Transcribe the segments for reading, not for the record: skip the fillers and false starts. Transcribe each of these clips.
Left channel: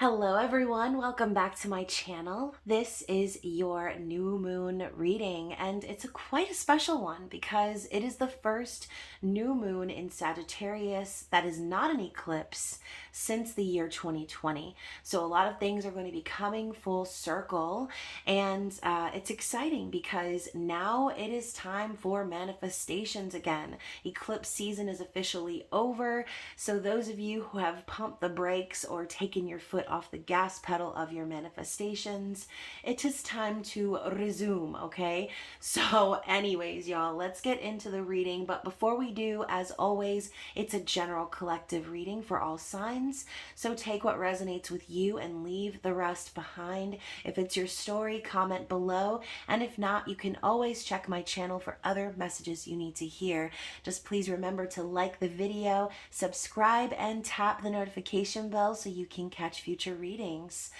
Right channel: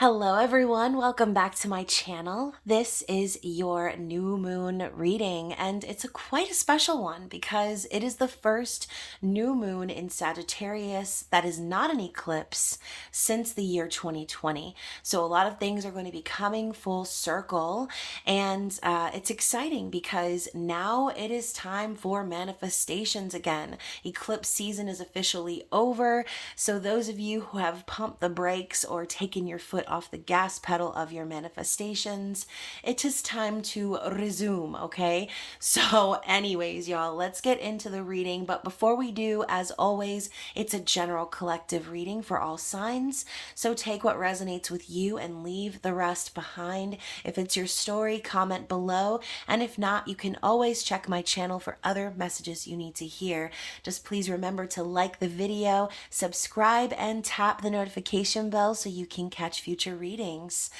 Hello everyone, welcome back to my channel. This is your new moon reading and it's quite a special one because it is the first new moon in Sagittarius that is not an eclipse since the year 2020. So a lot of things are going to be coming full circle and it's exciting because now it is time for manifestations again. Eclipse season is officially over, so those of you who have pumped the brakes or taken your foot off the gas pedal of your manifestations, it is time to resume, okay? So, anyways, y'all, let's get into the reading. But before we do, as always, it's a general collective reading for all signs. So, take what resonates with you and leave the rest behind. If it's your story, comment below. And if not, you can always check my channel for other messages you need to hear. Just please remember to like the video, subscribe, and tap the notification bell so you can catch future readings.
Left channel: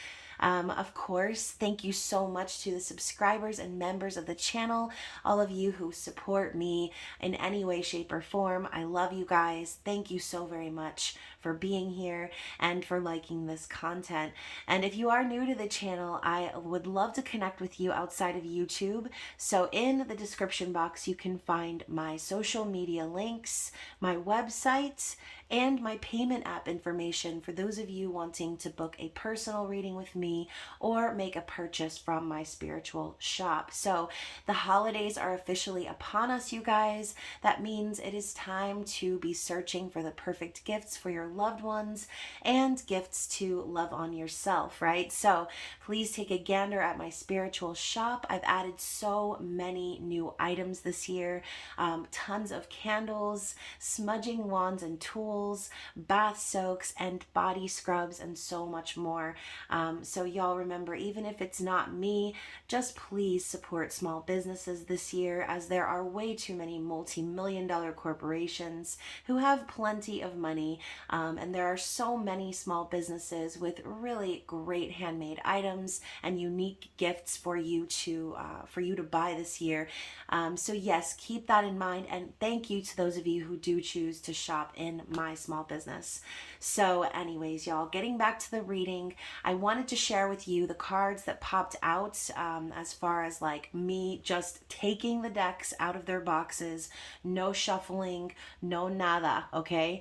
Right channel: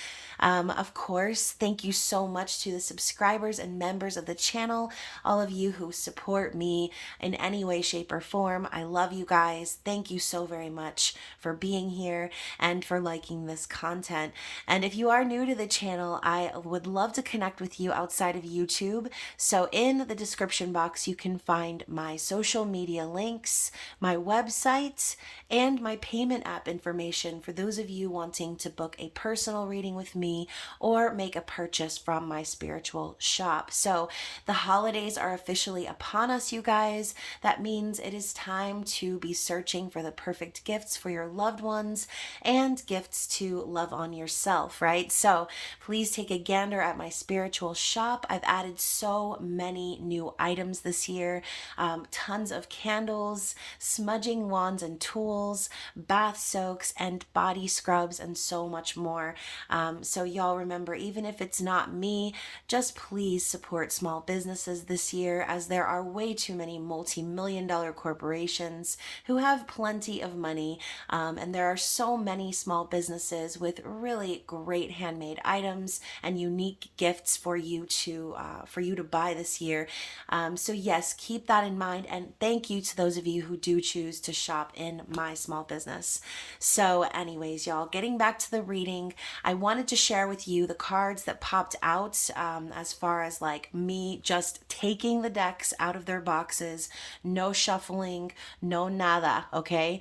Of course, thank you so much to the subscribers and members of the channel, all of you who support me in any way, shape, or form. I love you guys. Thank you so very much for being here and for liking this content. And if you are new to the channel, I would love to connect with you outside of YouTube. So in the description box, you can find my social media links, my website, and my payment app information for those of you wanting to book a personal reading with me or make a purchase from my spiritual shop. So the holidays are officially upon us, you guys. That means it is time to be searching for the perfect gifts for your loved ones and gifts to love on yourself, right? So please take a gander at my spiritual shop. I've added so many new items this year, tons of candles, smudging wands and tools, bath soaks, and body scrubs, and so much more. So y'all remember, even if it's not me, just please support small businesses this year, as there are way too many multi-million-dollar corporations who have plenty of money, and there are so many small businesses with really great handmade items and unique gifts for you to buy this year. So yes, keep that in mind, and thank you to those of you who do choose to shop in my small business. So anyways, y'all, getting back to the reading, I wanted to share with you the cards that popped out, as far as like me just taking the decks out of their boxes, no shuffling, no nada, okay?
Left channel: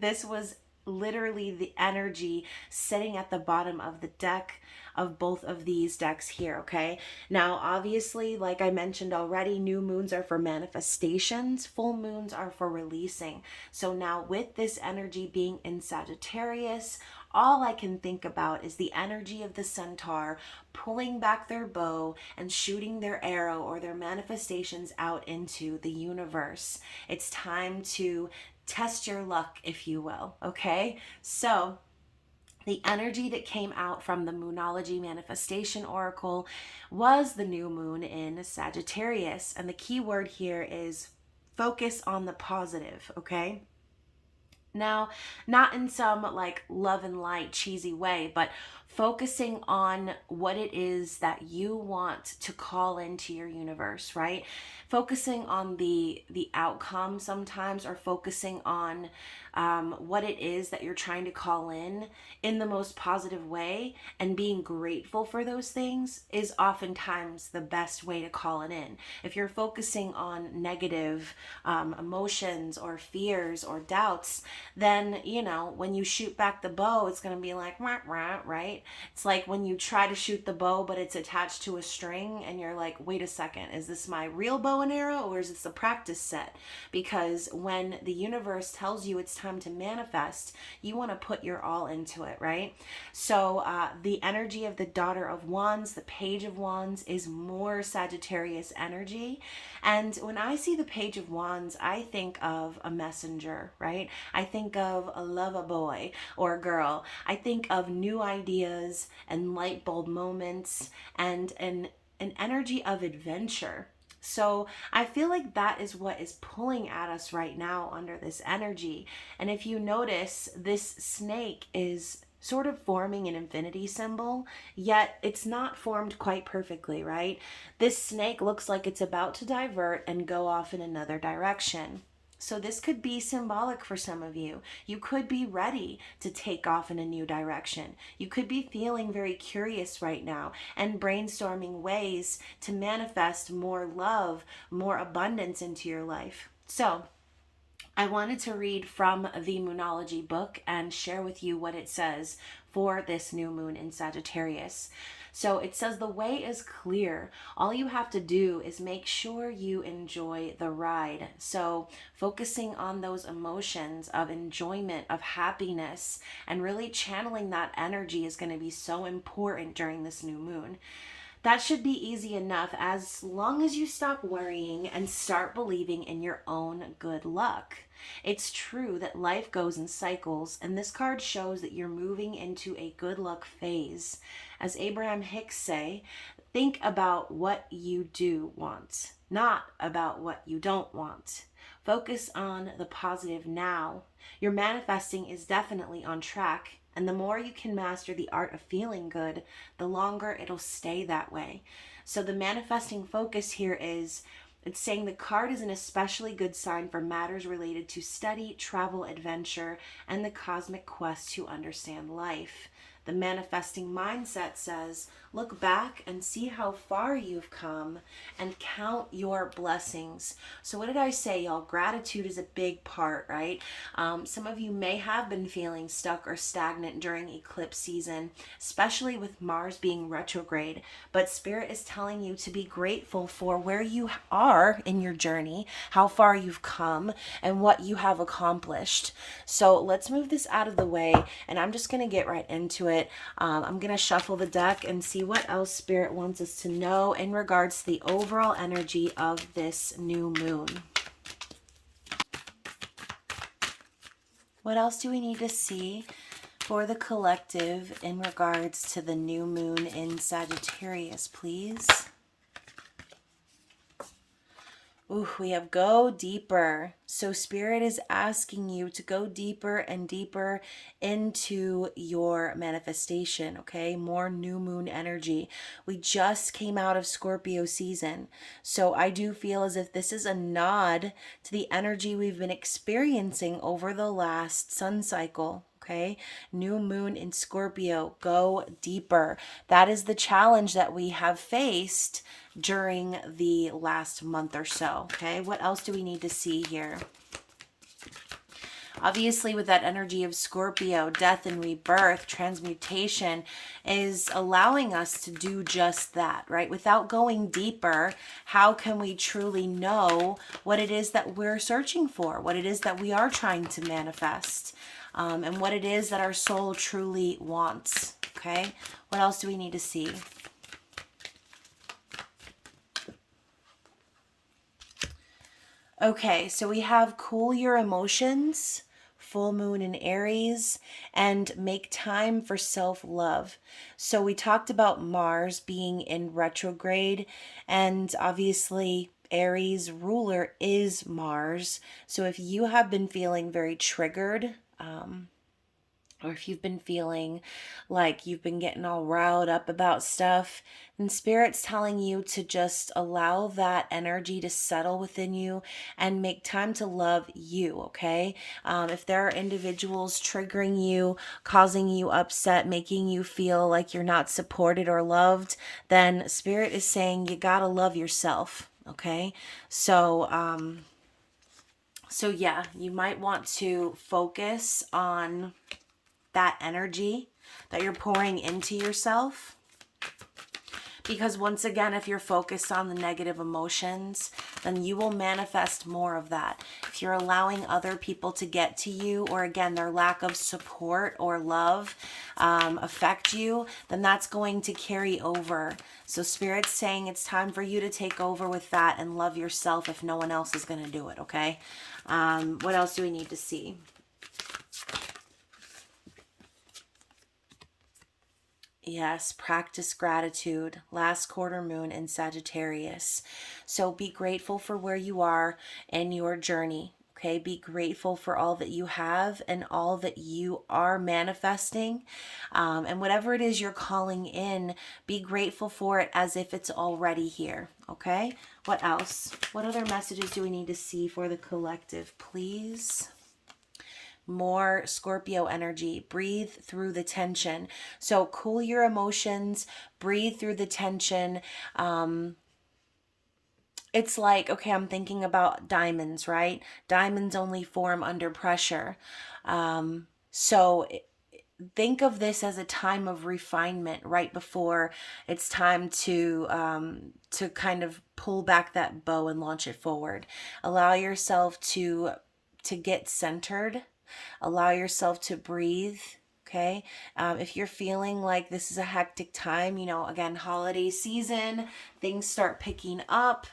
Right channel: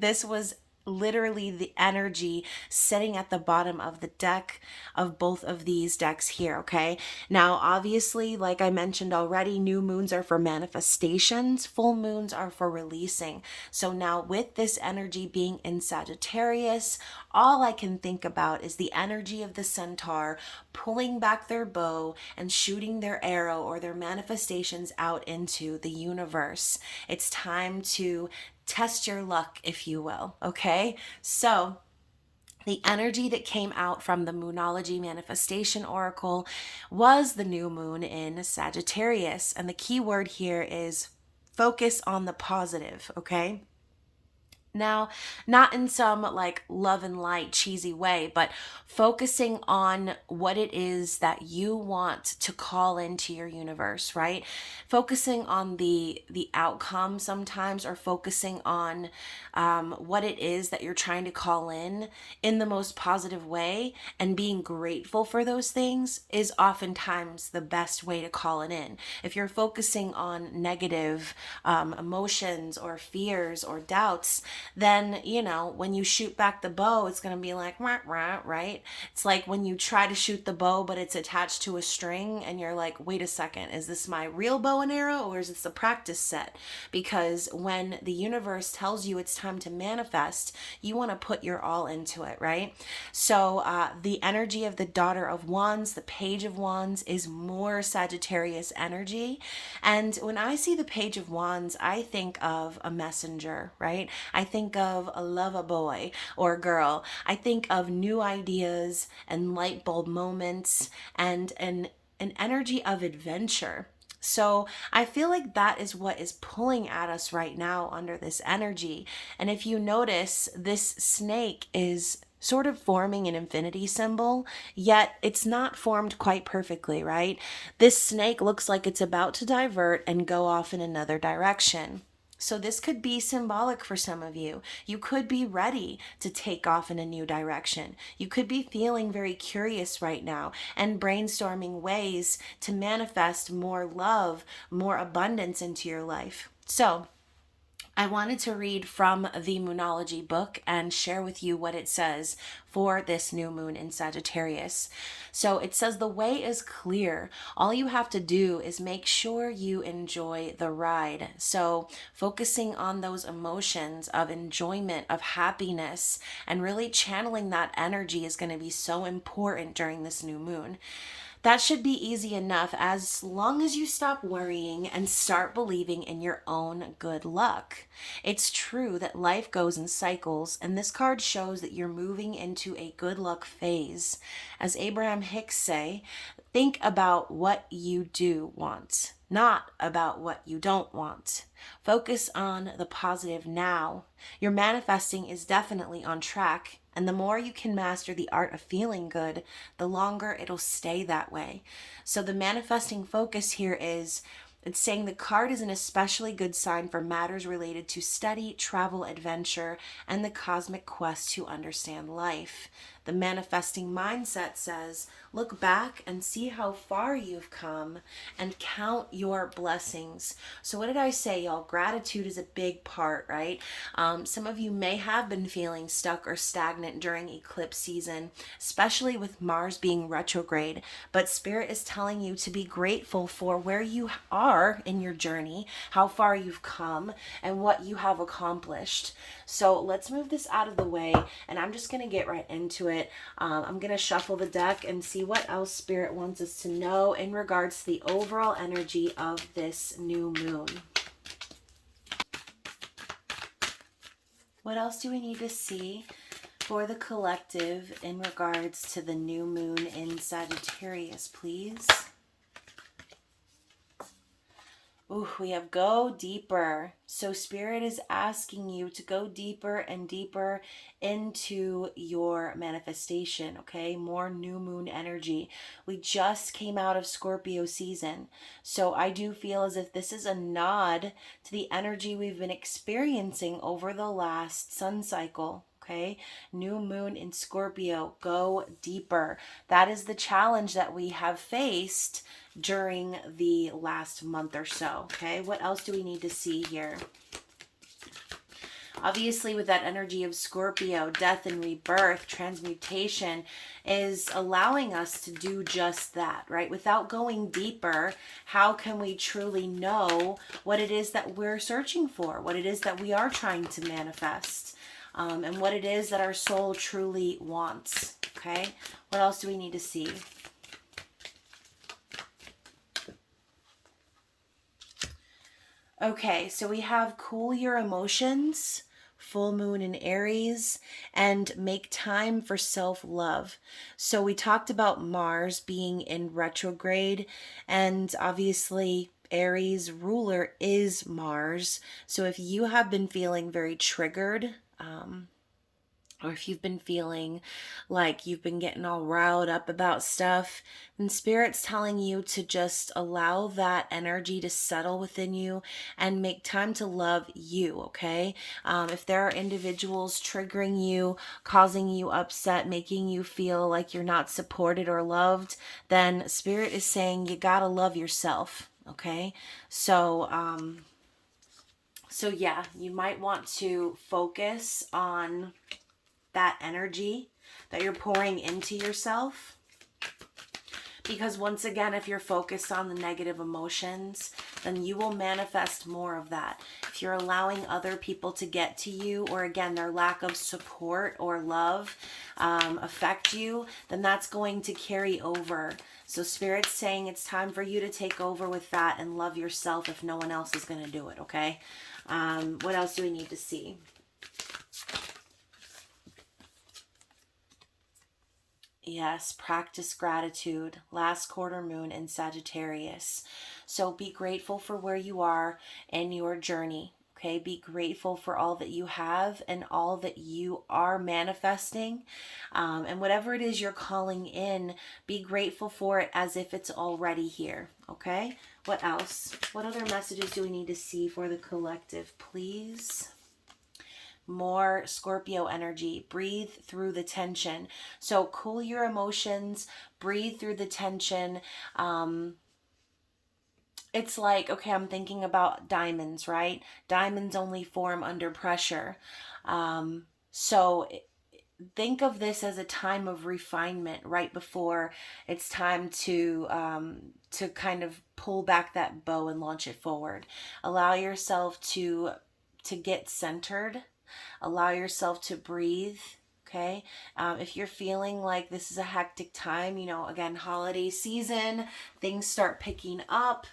This was literally the energy sitting at the bottom of the deck of both of these decks here, okay? Now, obviously, like I mentioned already, new moons are for manifestations, full moons are for releasing. So now with this energy being in Sagittarius, all I can think about is the energy of the centaur pulling back their bow and shooting their arrow or their manifestations out into the universe. It's time to test your luck, if you will, okay? So the energy that came out from the Moonology Manifestation Oracle was the new moon in Sagittarius. And the key word here is focus on the positive, okay? Now, not in some like love and light cheesy way, but focusing on what it is that you want to call into your universe, right? Focusing on the outcome sometimes, or focusing on what it is that you're trying to call in the most positive way, and being grateful for those things is oftentimes the best way to call it in. If you're focusing on negative emotions or fears or doubts, then, you know, when you shoot back the bow, it's going to be like, wah, wah, right? It's like when you try to shoot the bow, but it's attached to a string, and you're like, wait a second, is this my real bow and arrow, or is this the practice set? Because when the universe tells you it's time to manifest, you want to put your all into it, right? So the energy of the Daughter of Wands, the Page of Wands, is more Sagittarius energy. And when I see the Page of Wands, I think of a messenger, right? I think of a lover boy or girl. I think of new ideas and light bulb moments and an energy of adventure. So I feel like that is what is pulling at us right now under this energy. And if you notice, this snake is sort of forming an infinity symbol, yet it's not formed quite perfectly, right? This snake looks like it's about to divert and go off in another direction. So this could be symbolic for some of you. You could be ready to take off in a new direction. You could be feeling very curious right now and brainstorming ways to manifest more love, more abundance into your life. So I wanted to read from the Moonology book and share with you what it says for this new moon in Sagittarius. So it says the way is clear. All you have to do is make sure you enjoy the ride. So focusing on those emotions of enjoyment, of happiness, and really channeling that energy is going to be so important during this new moon. That should be easy enough as long as you stop worrying and start believing in your own good luck. It's true that life goes in cycles, and this card shows that you're moving into a good luck phase. As Abraham Hicks say, think about what you do want, not about what you don't want. Focus on the positive now. Your manifesting is definitely on track. And the more you can master the art of feeling good, the longer it'll stay that way. So the manifesting focus here is, it's saying the card is an especially good sign for matters related to study, travel, adventure, and the cosmic quest to understand life. The manifesting mindset says, look back and see how far you've come and count your blessings. So what did I say, y'all? Gratitude is a big part, right? Some of you may have been feeling stuck or stagnant during eclipse season, especially with Mars being retrograde. But Spirit is telling you to be grateful for where you are in your journey, how far you've come, and what you have accomplished. So let's move this out of the way, and I'm just going to get right into it. I'm going to shuffle the deck and see what else Spirit wants us to know in regards to the overall energy of this new moon. What else do we need to see for the collective in regards to the new moon in Sagittarius, please? Ooh, we have go deeper. So Spirit is asking you to go deeper and deeper into your manifestation, okay? More new moon energy. We just came out of Scorpio season. So I do feel as if this is a nod to the energy we've been experiencing over the last sun cycle. Okay, new moon in Scorpio, go deeper. That is the challenge that we have faced during the last month or so. Okay, what else do we need to see here? Obviously, with that energy of Scorpio, death and rebirth, transmutation is allowing us to do just that, right? Without going deeper, how can we truly know what it is that we're searching for, what it is that we are trying to manifest? And what it is that our soul truly wants, okay? What else do we need to see? Okay, so we have cool your emotions, full moon in Aries, and make time for self-love. So we talked about Mars being in retrograde, and obviously Aries ruler is Mars. So if you have been feeling very triggered, or if you've been feeling like you've been getting all riled up about stuff, then Spirit's telling you to just allow that energy to settle within you and make time to love you, okay? If there are individuals triggering you, causing you upset, making you feel like you're not supported or loved, then Spirit is saying you gotta love yourself, okay? So yeah, you might want to focus on that energy that you're pouring into yourself. Because once again, if you're focused on the negative emotions, then you will manifest more of that. If you're allowing other people to get to you, or again, their lack of support or love affect you, then that's going to carry over. So Spirit's saying it's time for you to take over with that and love yourself if no one else is going to do it, okay? What else do we need to see? Yes, practice gratitude. Last quarter moon in Sagittarius. So be grateful for where you are in your journey. Okay, be grateful for all that you have and all that you are manifesting. And whatever it is you're calling in, be grateful for it as if it's already here. Okay, what else? What other messages do we need to see for the collective, please? More Scorpio energy. Breathe through the tension. So cool your emotions, breathe through the tension. It's like, okay, I'm thinking about diamonds, right? Diamonds only form under pressure. So think of this as a time of refinement right before it's time to kind of pull back that bow and launch it forward. Allow yourself to get centered. Allow yourself to breathe. Okay. If you're feeling like this is a hectic time, you know, again, holiday season, things start picking up.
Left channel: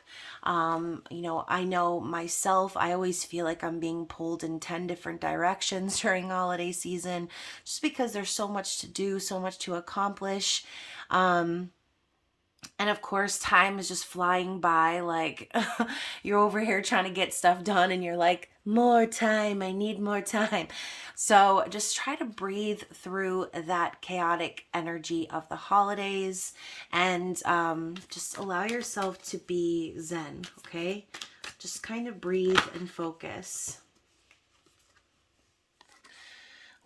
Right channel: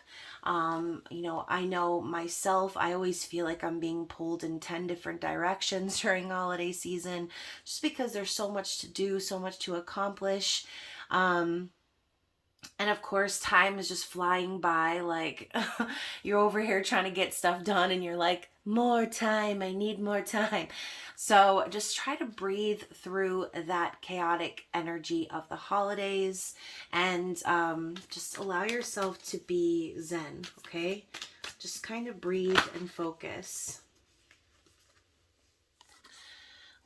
You know, I know myself, I always feel like I'm being pulled in 10 different directions during holiday season just because there's so much to do, so much to accomplish. And of course, time is just flying by. Like, you're over here trying to get stuff done, and you're like, more time, I need more time. So just try to breathe through that chaotic energy of the holidays and just allow yourself to be zen, okay? Just kind of breathe and focus.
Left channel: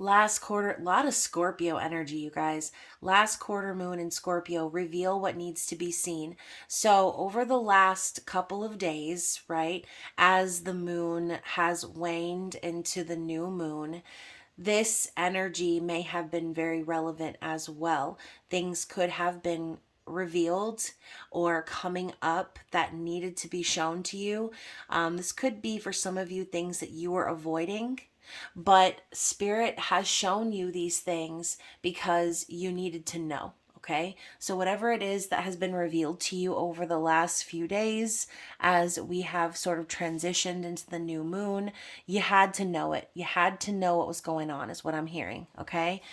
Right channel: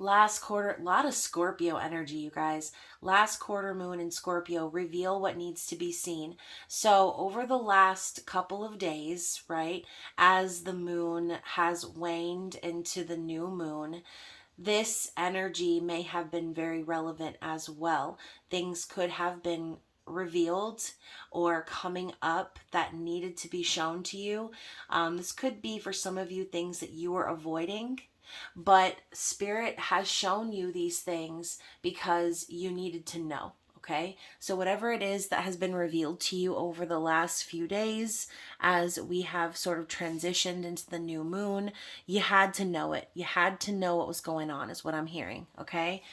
Last quarter, a lot of Scorpio energy, you guys. Last quarter moon in Scorpio, reveal what needs to be seen. So over the last couple of days, right, as the moon has waned into the new moon, this energy may have been very relevant as well. Things could have been revealed or coming up that needed to be shown to you. This could be for some of you things that you were avoiding, but Spirit has shown you these things because you needed to know. Okay, so whatever it is that has been revealed to you over the last few days, as we have sort of transitioned into the new moon, you had to know it. You had to know what was going on, is what I'm hearing. Okay,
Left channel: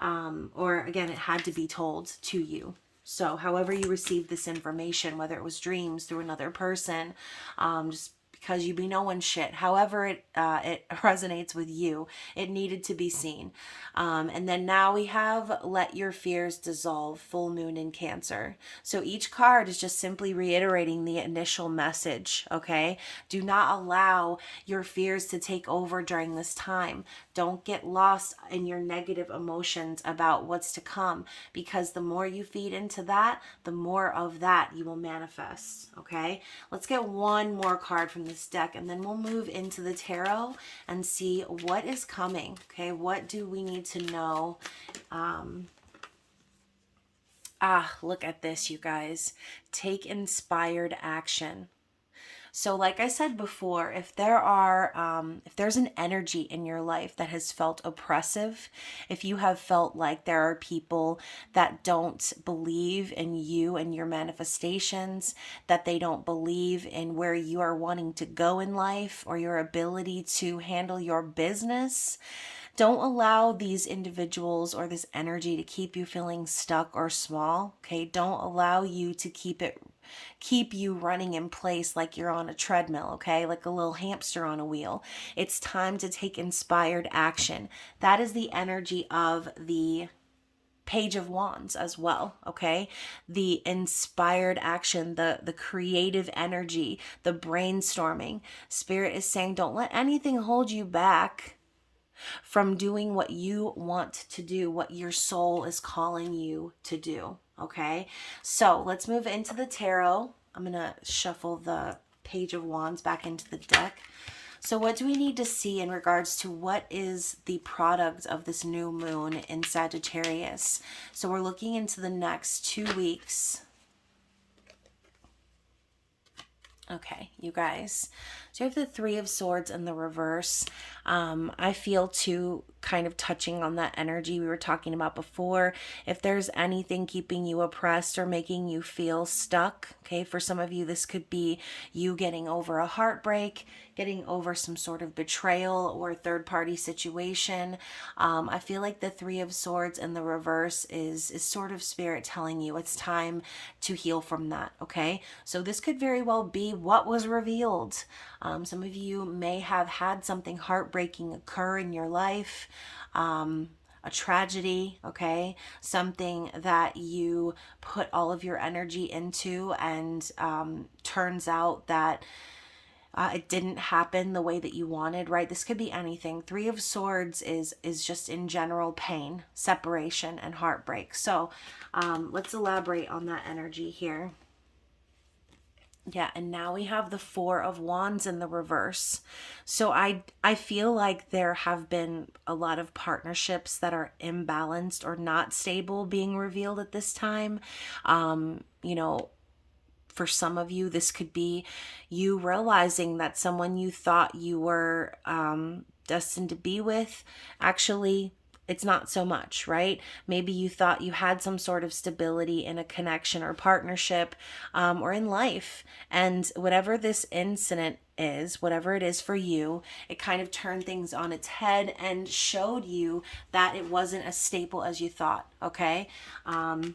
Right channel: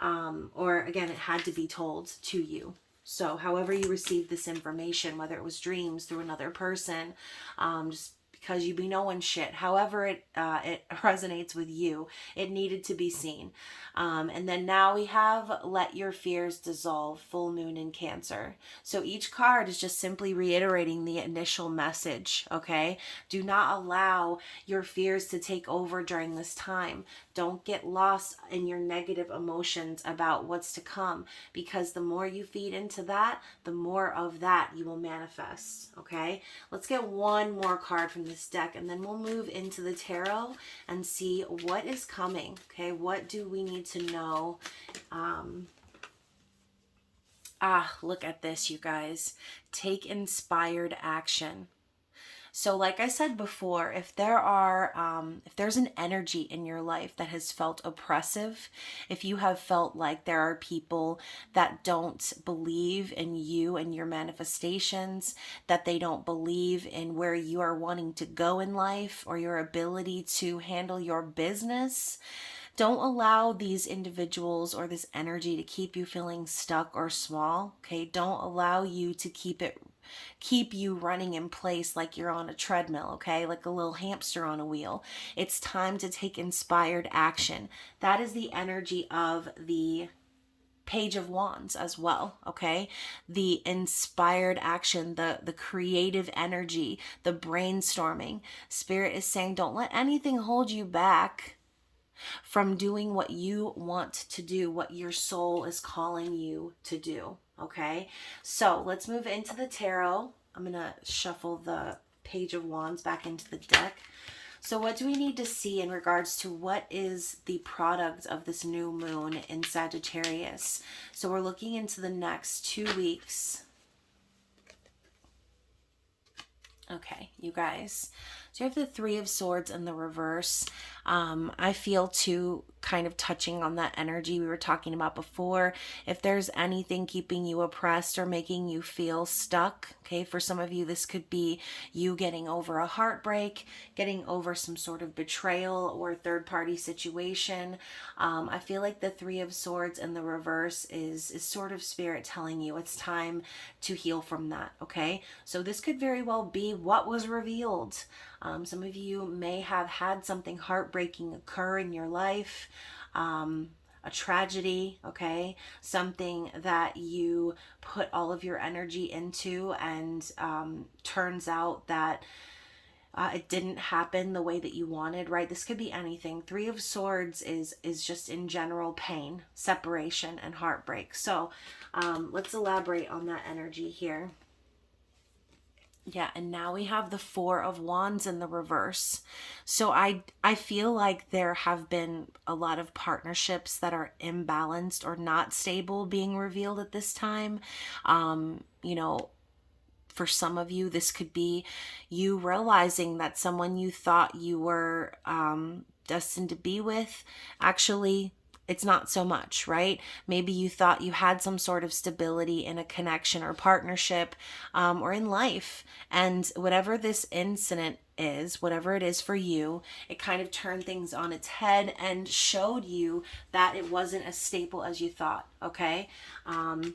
or again, it had to be told to you. So, however you received this information, whether it was dreams through another person, just because you be knowing shit. However it resonates with you, it needed to be seen. And then now we have Let Your Fears Dissolve, full moon in Cancer. So each card is just simply reiterating the initial message, okay? Do not allow your fears to take over during this time. Don't get lost in your negative emotions about what's to come, because the more you feed into that, the more of that you will manifest, okay? Let's get one more card from this deck, and then we'll move into the tarot and see what is coming, okay? What do we need to know? Look at this, you guys. Take inspired action. So like I said before, if there's an energy in your life that has felt oppressive, if you have felt like there are people that don't believe in you and your manifestations, that they don't believe in where you are wanting to go in life or your ability to handle your business, don't allow these individuals or this energy to keep you feeling stuck or small, okay? Don't allow you to keep you running in place like you're on a treadmill, okay? Like a little hamster on a wheel. It's time to take inspired action. That is the energy of the Page of Wands as well, okay? The inspired action, the creative energy, the brainstorming. Spirit is saying, don't let anything hold you back from doing what you want to do, what your soul is calling you to do. Okay, so let's move into the tarot. I'm going to shuffle the Page of Wands back into the deck. So what do we need to see in regards to what is the product of this new moon in Sagittarius? So we're looking into the next 2 weeks. Okay, you guys. So I have the Three of Swords in the reverse. I feel too, kind of touching on that energy we were talking about before. If there's anything keeping you oppressed or making you feel stuck, okay, for some of you, this could be you getting over a heartbreak, getting over some sort of betrayal or third-party situation. I feel like the Three of Swords in the reverse is sort of Spirit telling you it's time to heal from that, okay? So this could very well be what was revealed. Some of you may have had something heartbreaking occur in your life, a tragedy, okay? Something that you put all of your energy into, and turns out that it didn't happen the way that you wanted, right? This could be anything. Three of Swords is just in general pain, separation, and heartbreak. So let's elaborate on that energy here. Yeah, and now we have the Four of Wands in the reverse. So I feel like there have been a lot of partnerships that are imbalanced or not stable being revealed at this time. You know, for some of you, this could be you realizing that someone you thought you were destined to be with, actually it's not so much, right? Maybe you thought you had some sort of stability in a connection or partnership, or in life. And whatever this incident is, whatever it is for you, it kind of turned things on its head and showed you that it wasn't as stable as you thought, okay?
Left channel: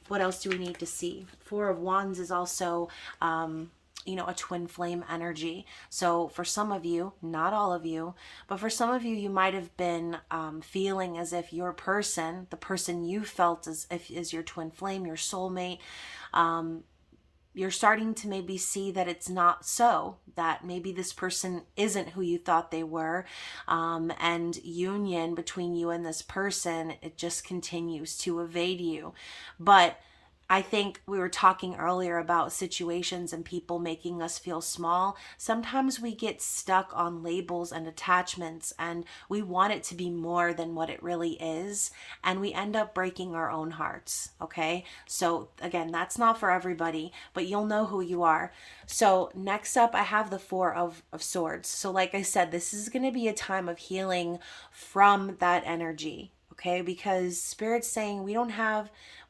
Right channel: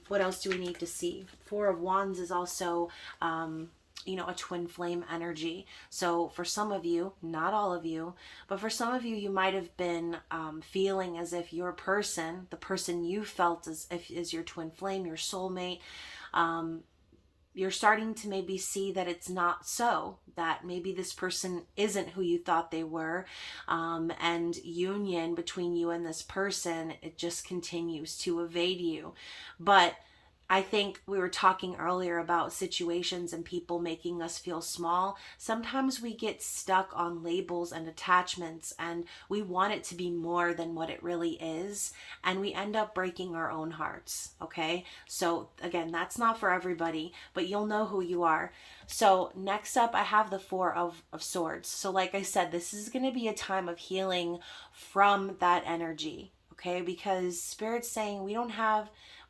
What else do we need to see? Four of Wands is also a twin flame energy. So for some of you, not all of you, but for some of you, you might have been feeling as if your person, the person you felt as if is your twin flame, your soulmate, you're starting to maybe see that it's not so, that maybe this person isn't who you thought they were, and union between you and this person, it just continues to evade you. But I think we were talking earlier about situations and people making us feel small. Sometimes we get stuck on labels and attachments, and we want it to be more than what it really is, and we end up breaking our own hearts, okay? So again, that's not for everybody, but you'll know who you are. So next up, I have the Four of Swords. So like I said, this is going to be a time of healing from that energy, okay? Because Spirit's saying we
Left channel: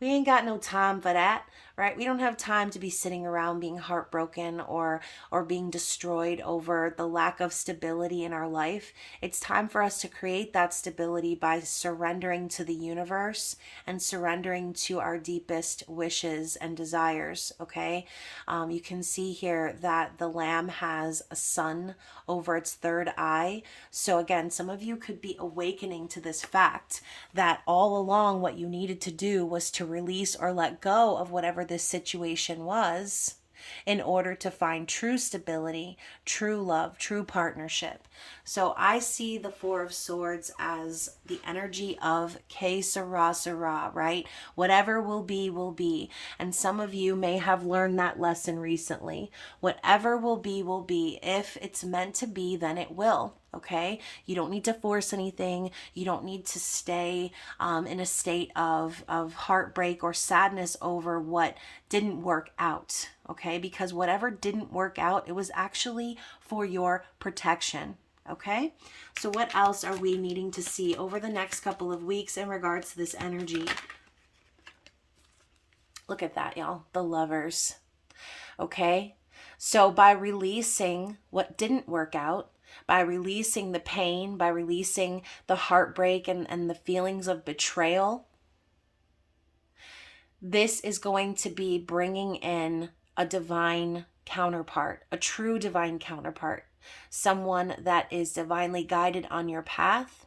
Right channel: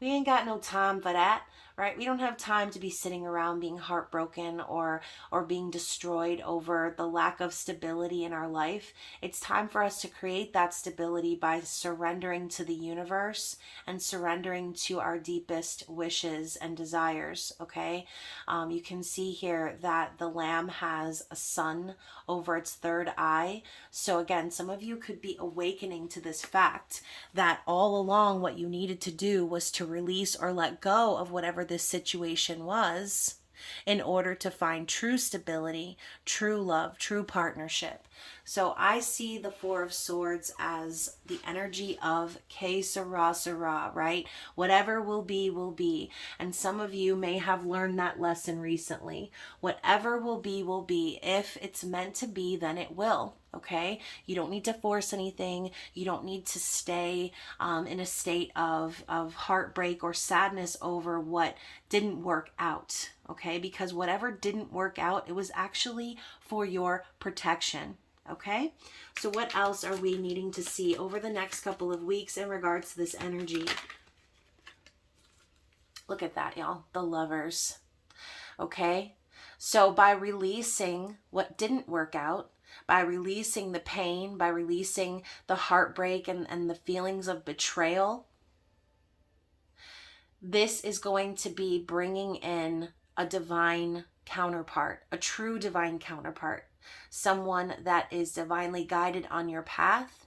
ain't got no time for that, right? We don't have time to be sitting around being heartbroken or being destroyed over the lack of stability in our life. It's time for us to create that stability by surrendering to the universe and surrendering to our deepest wishes and desires, okay? You can see here that the lamb has a sun over its third eye. So again, some of you could be awakening to this fact that all along what you needed to do was to release or let go of whatever this situation was in order to find true stability, true love, true partnership. So I see the Four of Swords as the energy of que sera, sera, right? Whatever will be, will be. And some of you may have learned that lesson recently. Whatever will be, will be. If it's meant to be, then it will. Okay, you don't need to force anything. You don't need to stay in a state of heartbreak or sadness over what didn't work out. Okay, because whatever didn't work out, it was actually for your protection. Okay, so what else are we needing to see over the next couple of weeks in regards to this energy? Look at that, y'all. The Lovers. Okay, so by releasing what didn't work out, by releasing the pain, by releasing the heartbreak and the feelings of betrayal, this is going to be bringing in a divine counterpart, a true divine counterpart, someone that is divinely guided on your path,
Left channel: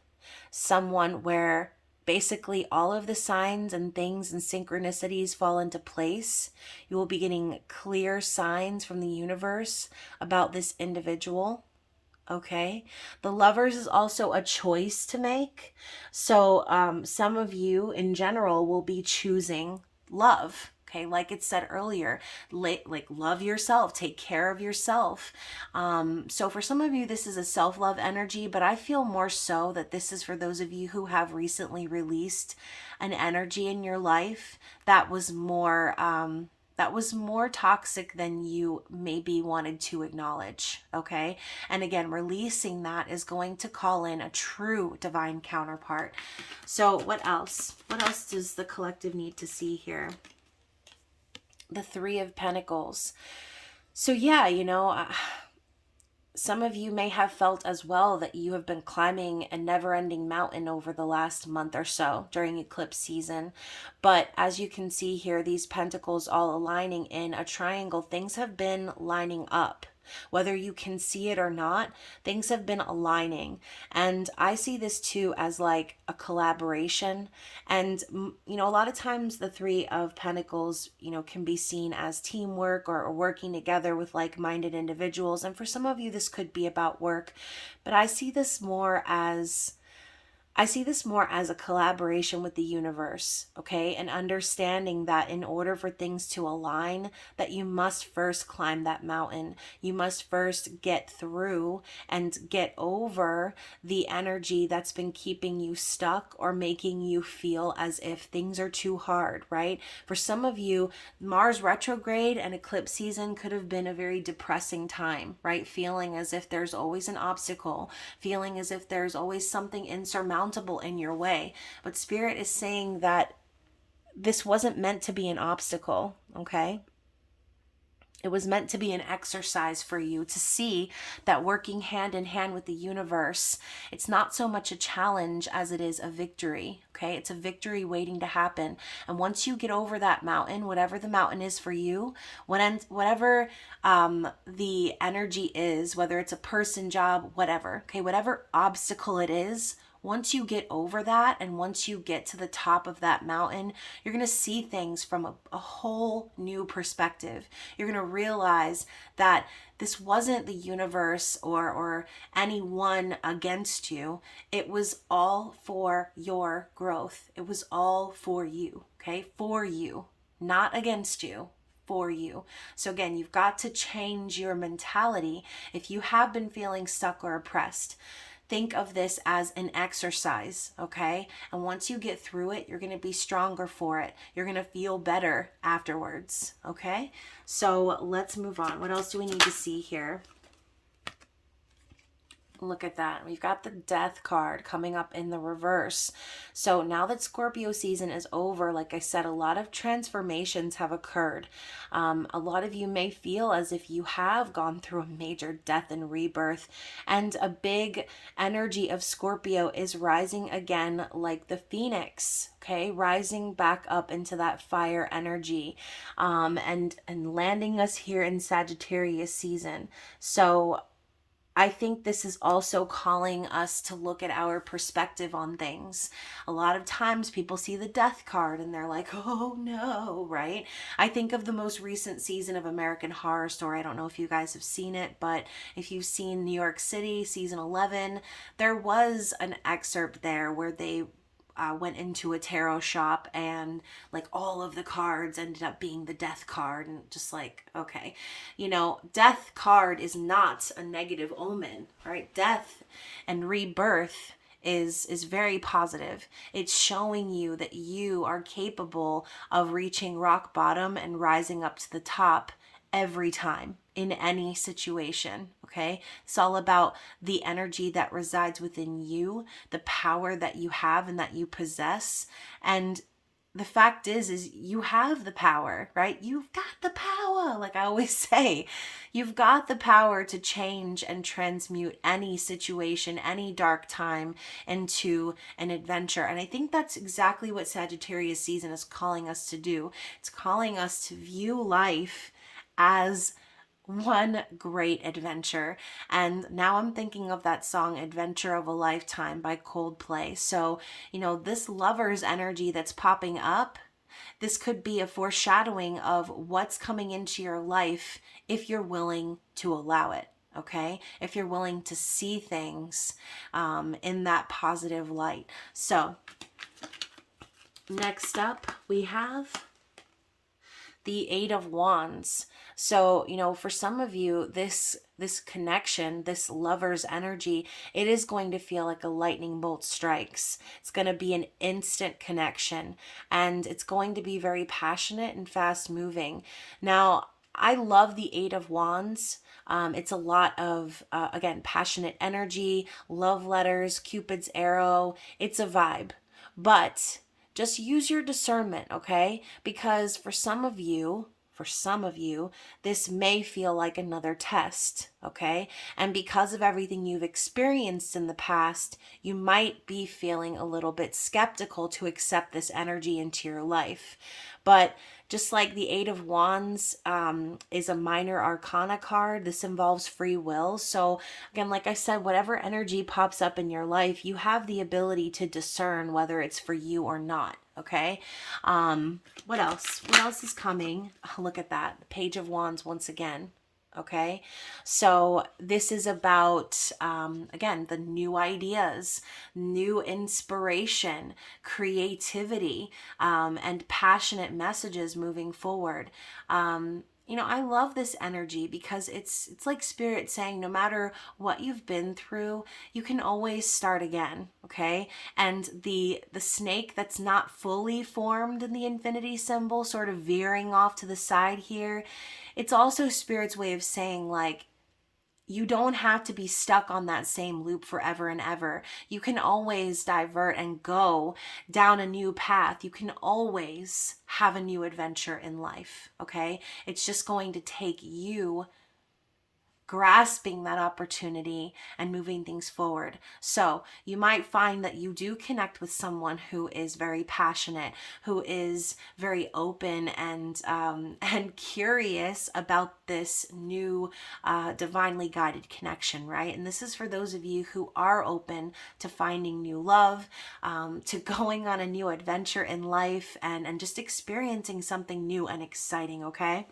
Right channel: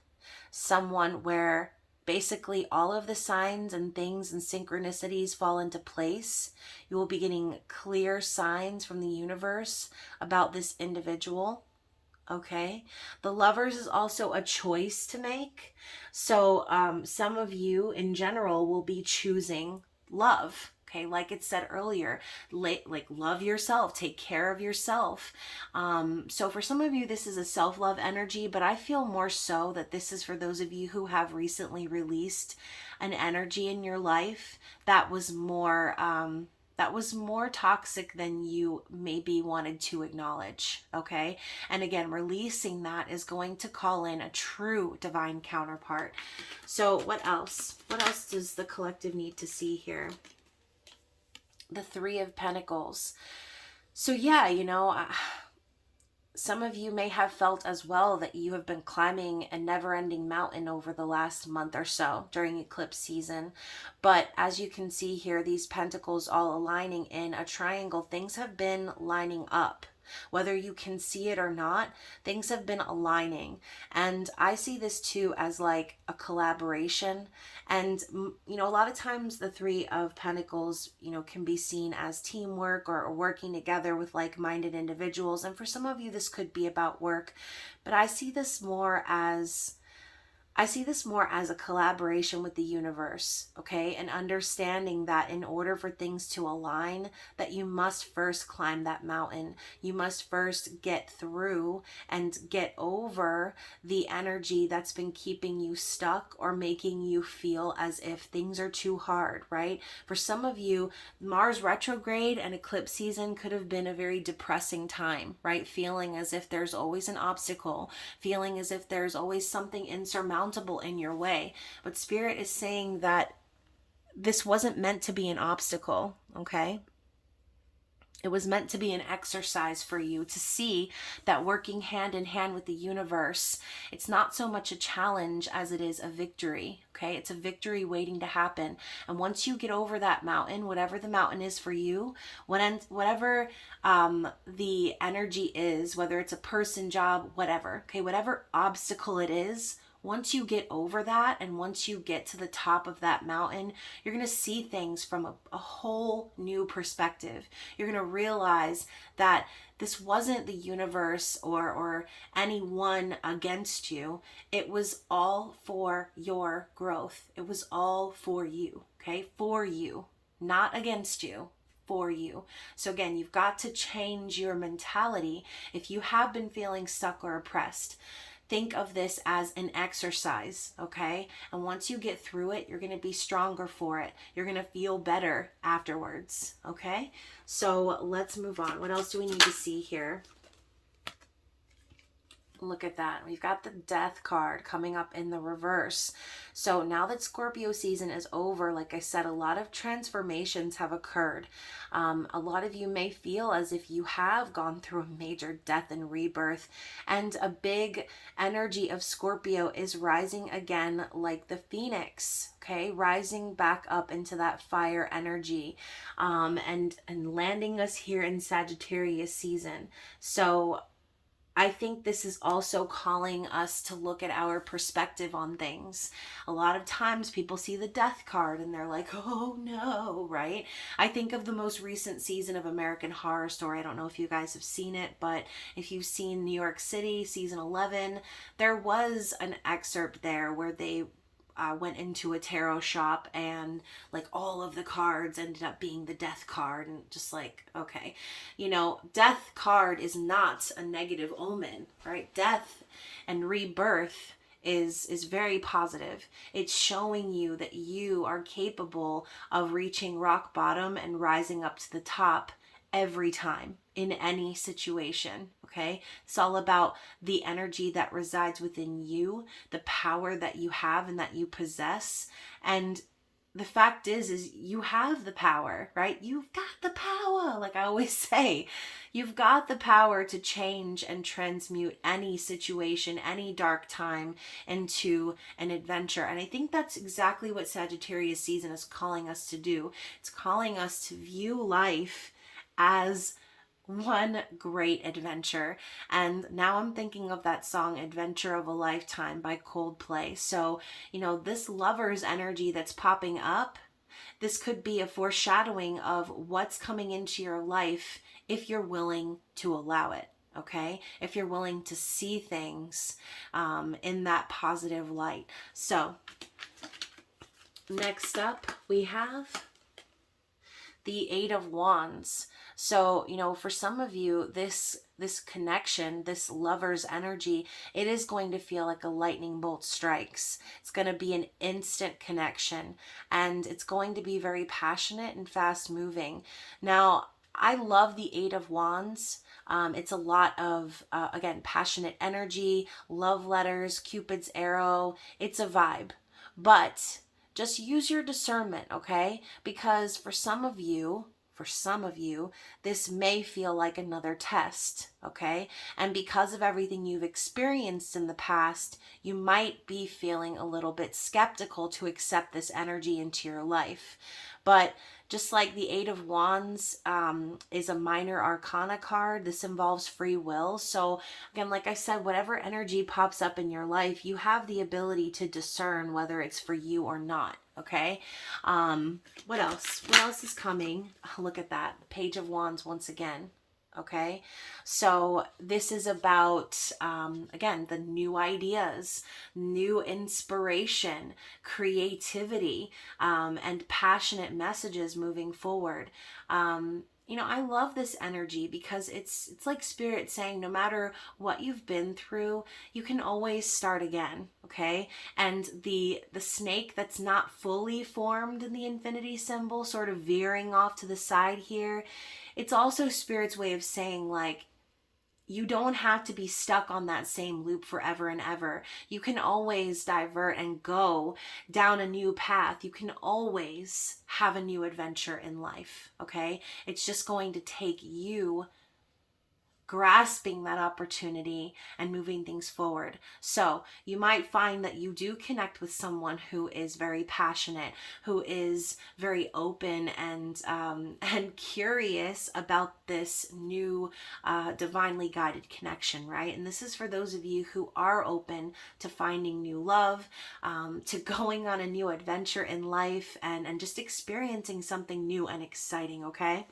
someone where basically all of the signs and things and synchronicities fall into place. You will be getting clear signs from the universe about this individual. Okay, the Lovers is also a choice to make. So some of you in general will be choosing love. Okay, like it said earlier, like love yourself, take care of yourself. So for some of you, this is a self-love energy, but I feel more so that this is for those of you who have recently released an energy in your life that was more toxic than you maybe wanted to acknowledge, okay? And again, releasing that is going to call in a true divine counterpart. So what else? What else does the collective need to see here? The Three of Pentacles. So yeah, some of you may have felt as well that you have been climbing a never-ending mountain over the last month or so during eclipse season. But as you can see here, these pentacles all aligning in a triangle, things have been lining up. Whether you can see it or not, things have been aligning. And I see this too as like a collaboration. And, a lot of times the Three of Pentacles, can be seen as teamwork or working together with like minded individuals. And for some of you, this could be about work, but I see this more as a collaboration with the universe, okay? And understanding that in order for things to align, that you must first climb that mountain. You must first get through and get over the energy that's been keeping you stuck or making you feel as if things are too hard, right? For some of you, Mars retrograde and eclipse season could have been a very depressing time, right? Feeling as if there's always an obstacle, feeling as if there's always something insurmountable in your way. But Spirit is saying that this wasn't meant to be an obstacle, okay? It was meant to be an exercise for you to see that working hand in hand with the universe, it's not so much a challenge as it is a victory, okay? It's a victory waiting to happen. And once you get over that mountain, whatever the mountain is for you, whatever the energy is, whether it's a person, job, whatever, okay, whatever obstacle it is, once you get over that and once you get to the top of that mountain, you're going to see things from a whole new perspective. You're going to realize that this wasn't the universe or anyone against you. It was all for your growth. It was all for you, okay? For you, not against you. For you. So again, you've got to change your mentality if you have been feeling stuck or oppressed. Think of this as an exercise, okay? And once you get through it, you're going to be stronger for it. You're going to feel better afterwards, okay? So let's move on. What else do we need to see here? Look at that. We've got the Death card coming up in the reverse. So now that Scorpio season is over, like I said, a lot of transformations have occurred. A lot of you may feel as if you have gone through a major death and rebirth, and a big energy of Scorpio is rising again like the phoenix, okay? Rising back up into that fire energy, and landing us here in Sagittarius season. So I think this is also calling us to look at our perspective on things. A lot of times people see the Death card and they're like, oh no, right? I think of the most recent season of American Horror Story. I don't know if you guys have seen it, but if you've seen New York City, season 11, there was an excerpt there where they went into a tarot shop and like all of the cards ended up being the Death card, and just like, okay, Death card is not a negative omen, right? Death and rebirth is very positive. It's showing you that you are capable of reaching rock bottom and rising up to the top every time in any situation, okay? It's all about the energy that resides within you, the power that you have and that you possess. And the fact is you have the power, right? You've got the power. Like I always say, you've got the power to change and transmute any situation, any dark time into an adventure. And I think that's exactly what Sagittarius season is calling us to do. It's calling us to view life as one great adventure. And now I'm thinking of that song Adventure of a Lifetime by Coldplay. So, this lover's energy that's popping up, this could be a foreshadowing of what's coming into your life if you're willing to allow it. Okay, if you're willing to see things in that positive light. So next up we have the Eight of Wands. So, for some of you, this connection, this lover's energy, it is going to feel like a lightning bolt strikes. It's going to be an instant connection, and it's going to be very passionate and fast moving. Now, I love the Eight of Wands. It's a lot of, again, passionate energy, love letters, Cupid's arrow. It's a vibe. But just use your discernment, okay? Because for some of you, this may feel like another test, okay? And because of everything you've experienced in the past, you might be feeling a little bit skeptical to accept this energy into your life. But Just like the Eight of Wands is a minor arcana card, this involves free will. So again, like I said, whatever energy pops up in your life, you have the ability to discern whether it's for you or not. Okay. What else? What else is coming? Oh, look at that. Page of Wands once again. Okay, so this is about, again, the new ideas, new inspiration, creativity, and passionate messages moving forward. You know, I love this energy because it's like spirit saying no matter what you've been through, you can always start again, okay? And the snake that's not fully formed in the infinity symbol, sort of veering off to the side here, it's also spirit's way of saying, like, you don't have to be stuck on that same loop forever and ever. You can always divert and go down a new path. You can always have a new adventure in life, okay? It's just going to take you grasping that opportunity and moving things forward. So you might find that you do connect with someone who is very passionate, who is very open and curious about this new divinely guided connection, right? And this is for those of you who are open to finding new love, to going on a new adventure in life, and just experiencing something new and exciting, okay?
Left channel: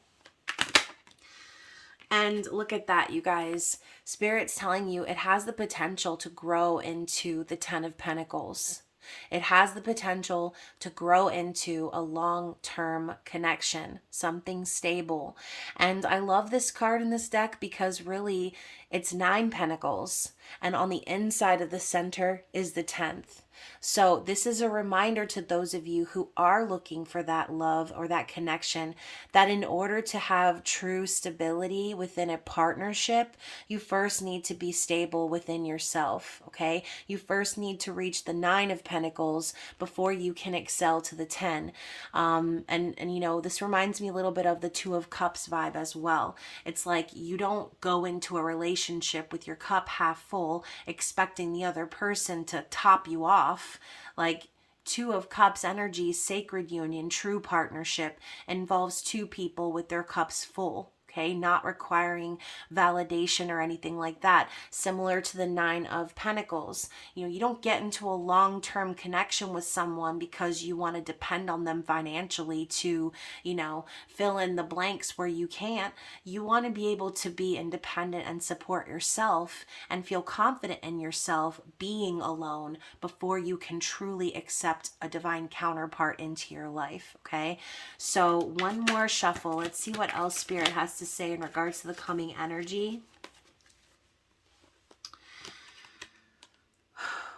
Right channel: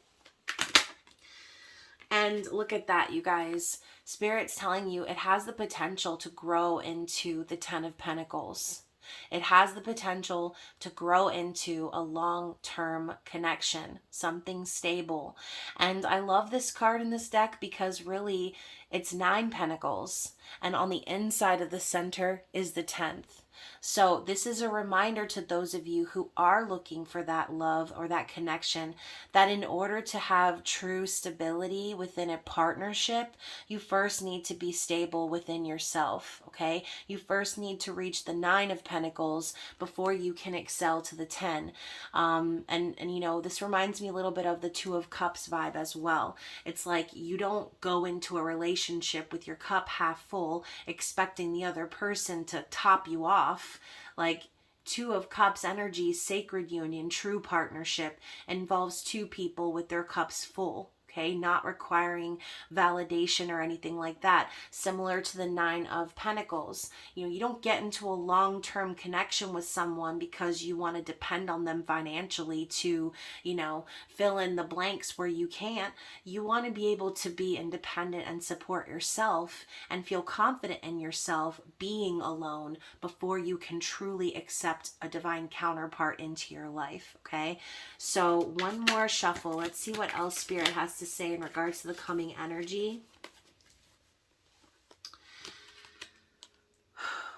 And look at that, you guys. Spirit's telling you it has the potential to grow into the Ten of Pentacles. It has the potential to grow into a long-term connection, something stable. And I love this card in this deck because really it's 9 pentacles. And on the inside of the center is the 10th. So this is a reminder to those of you who are looking for that love or that connection, that in order to have true stability within a partnership, you first need to be stable within yourself, okay? You first need to reach the 9 of Pentacles before you can excel to the 10. And you know, this reminds me a little bit of the 2 of Cups vibe as well. It's like you don't go into a relationship with your cup half full expecting the other person to top you off. Like, 2 of Cups energy, sacred union, true partnership involves 2 people with their cups full. Okay, not requiring validation or anything like that. Similar to the 9 of Pentacles. You know, you don't get into a long-term connection with someone because you want to depend on them financially to, you know, fill in the blanks where you can't. You want to be able to be independent and support yourself and feel confident in yourself being alone before you can truly accept a divine counterpart into your life, okay? So one more shuffle. Let's see what else Spirit has to say in regards to the coming energy.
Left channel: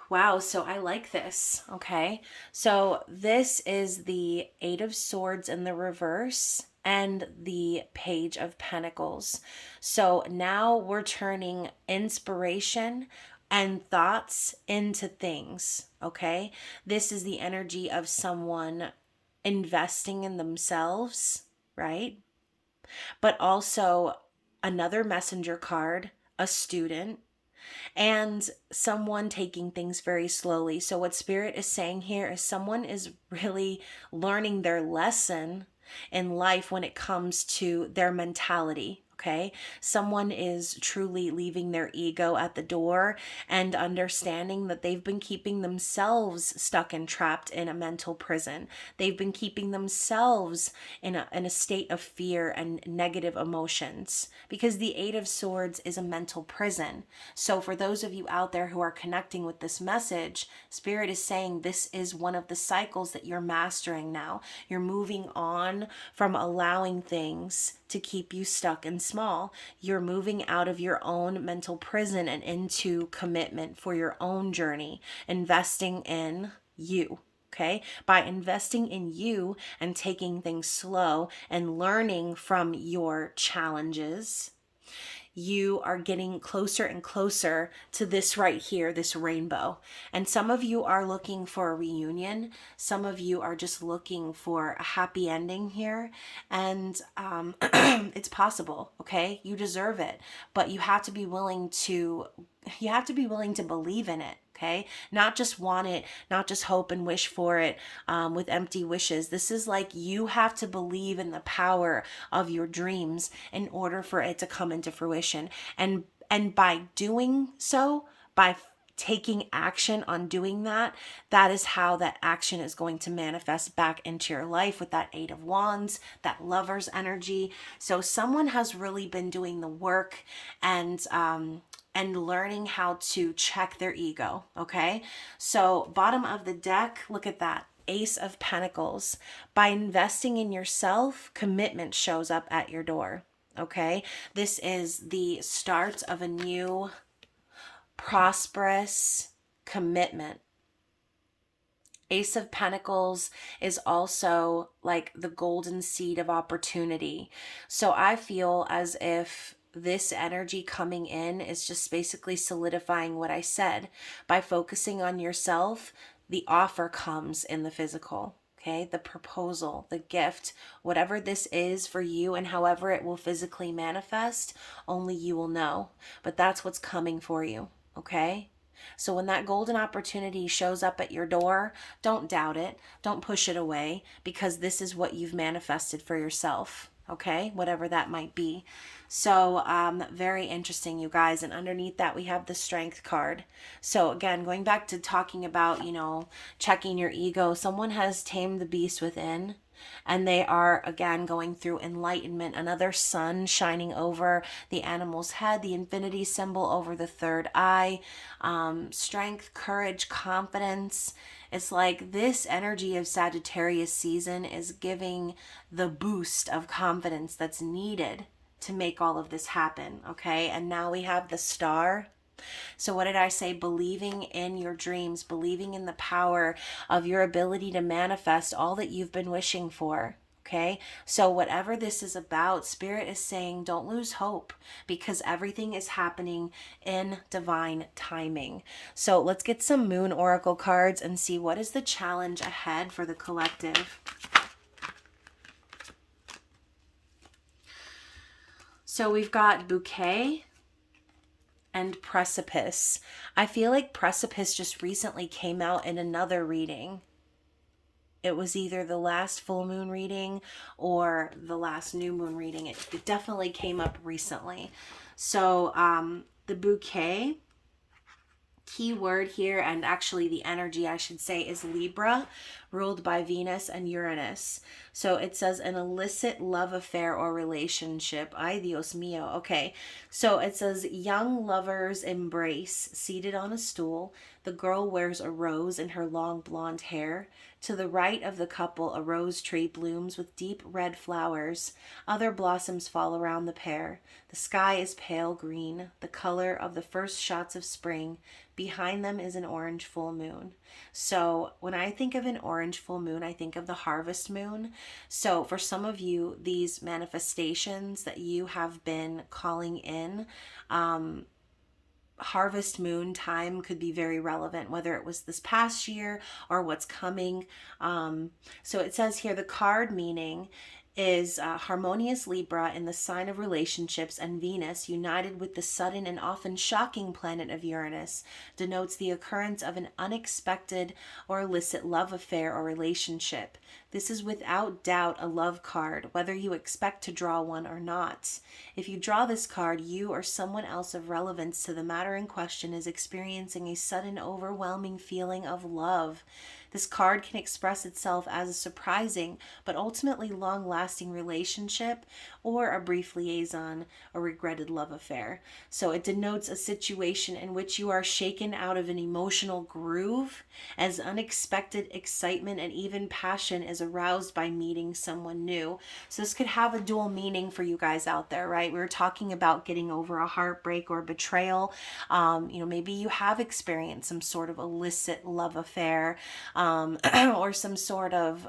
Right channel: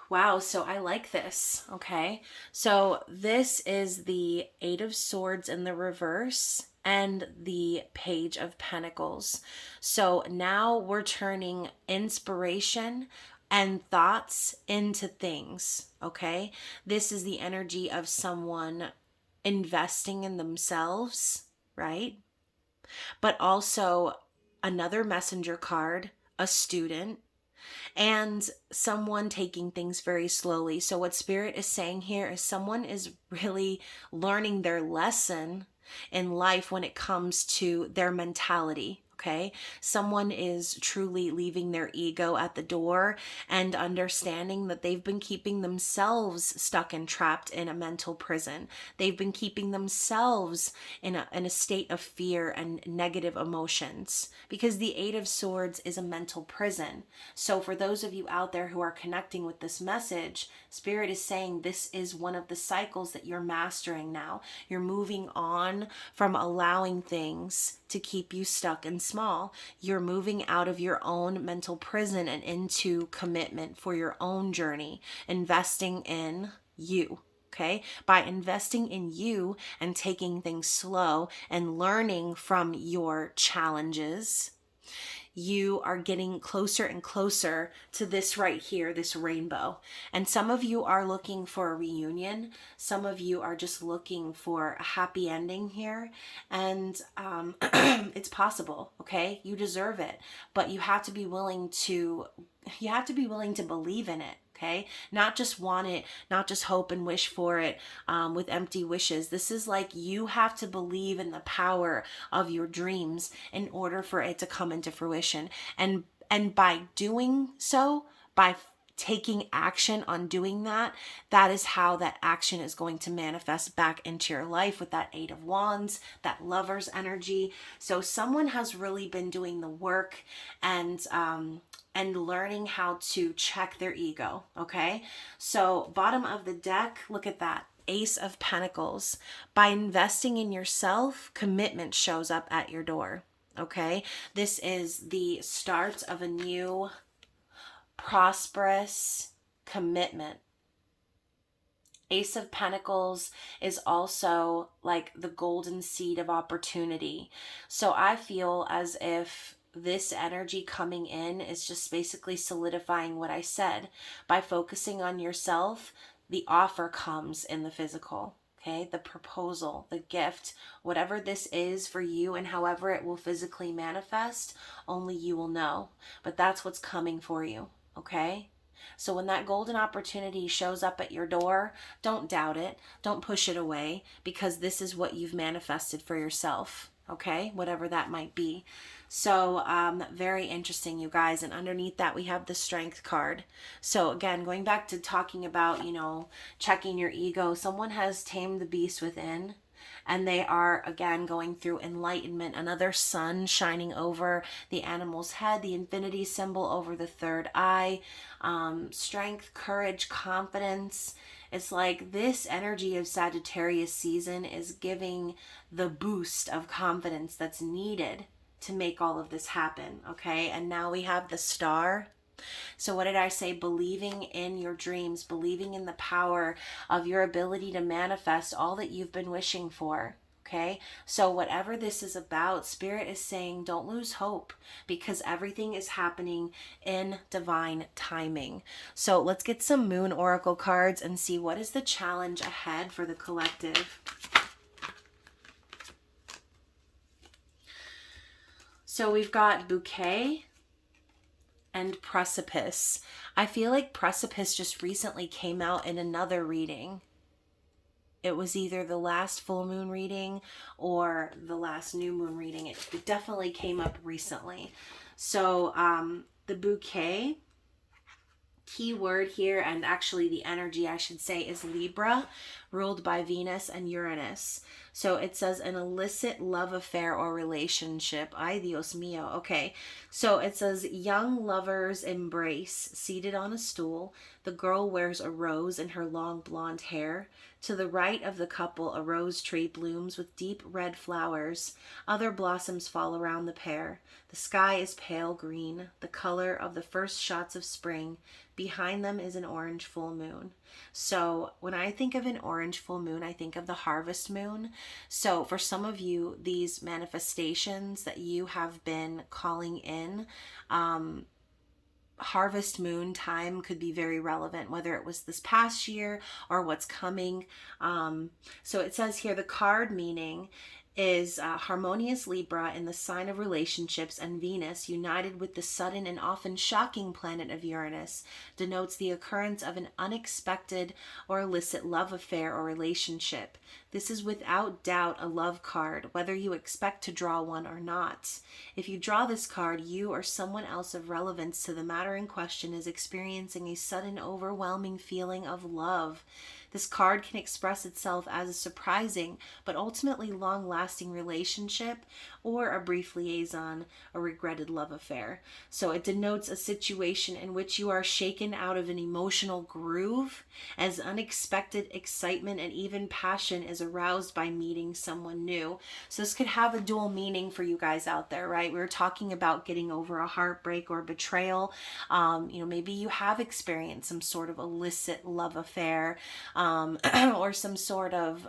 Wow, so I like this, okay? So this is the 8 of Swords in the reverse and the Page of Pentacles. So now we're turning inspiration and thoughts into things, okay? This is the energy of someone investing in themselves, right? But also another messenger card, a student, and someone taking things very slowly. So what Spirit is saying here is someone is really learning their lesson in life when it comes to their mentality. Okay, someone is truly leaving their ego at the door and understanding that they've been keeping themselves stuck and trapped in a mental prison. They've been keeping themselves in a state of fear and negative emotions, because the 8 of Swords is a mental prison. So for those of you out there who are connecting with this message, Spirit is saying this is one of the cycles that you're mastering now. You're moving on from allowing things to keep you stuck and small. You're moving out of your own mental prison and into commitment for your own journey, investing in you. Okay, by investing in you and taking things slow and learning from your challenges, you are getting closer and closer to this right here, this rainbow. And some of you are looking for a reunion. Some of you are just looking for a happy ending here. And it's possible, okay? You deserve it. But you have to be willing to believe in it. Okay, not just want it, not just hope and wish for it with empty wishes. This is like you have to believe in the power of your dreams in order for it to come into fruition. And by doing so, by taking action on doing that, that is how that action is going to manifest back into your life with that Eight of Wands, that Lover's energy. So someone has really been doing the work and learning how to check their ego. Okay, so bottom of the deck, look at that Ace of Pentacles. By investing in yourself, commitment shows up at your door. Okay, this is the start of a new prosperous commitment. Ace of Pentacles is also like the golden seed of opportunity. So I feel as if this energy coming in is just basically solidifying what I said. By focusing on yourself, the offer comes in the physical. Okay, the proposal, the gift, whatever this is for you and however it will physically manifest, only you will know. But that's what's coming for you. Okay, so when that golden opportunity shows up at your door, don't doubt it. Don't push it away, because this is what you've manifested for yourself. Okay, whatever that might be. So very interesting, you guys. And underneath that, we have the Strength card. So again, going back to talking about, checking your ego, someone has tamed the beast within. And they are, again, going through enlightenment. Another sun shining over the animal's head, the infinity symbol over the third eye, strength, courage, confidence. It's like this energy of Sagittarius season is giving the boost of confidence that's needed to make all of this happen. Okay, and now we have the Star. So what did I say? Believing in your dreams, believing in the power of your ability to manifest all that you've been wishing for. Okay, so whatever this is about, Spirit is saying don't lose hope, because everything is happening in divine timing. So let's get some Moon Oracle cards and see what is the challenge ahead for the collective. So we've got Bouquet and Precipice. I feel like Precipice just recently came out in another reading. It was either the last full moon reading or the last new moon reading. It definitely came up recently. So the Bouquet, key word here, and actually the energy I should say, is Libra, ruled by Venus and Uranus. So it says an illicit love affair or relationship. Ay, Dios mío. Okay. So it says young lovers embrace, seated on a stool. The girl wears a rose in her long blonde hair. To the right of the couple, a rose tree blooms with deep red flowers. Other blossoms fall around the pair. The sky is pale green, the color of the first shots of spring. Behind them is an orange full moon. So when I think of an orange full moon, I think of the harvest moon. So for some of you, these manifestations that you have been calling in, harvest moon time could be very relevant, whether it was this past year or what's coming. So it says here the card meaning is harmonious Libra in the sign of relationships, and Venus, united with the sudden and often shocking planet of Uranus, denotes the occurrence of an unexpected or illicit love affair or relationship. This is without doubt a love card, whether you expect to draw one or not. If you draw this card, you or someone else of relevance to the matter in question is experiencing a sudden, overwhelming feeling of love. This card can express itself as a surprising but ultimately long-lasting relationship, or a brief liaison, a regretted love affair. So it denotes a situation in which you are shaken out of an emotional groove as unexpected excitement and even passion is aroused by meeting someone new. So this could have a dual meaning for you guys out there, right? We were talking about getting over a heartbreak or betrayal. Maybe you have experienced some sort of illicit love affair, or some sort of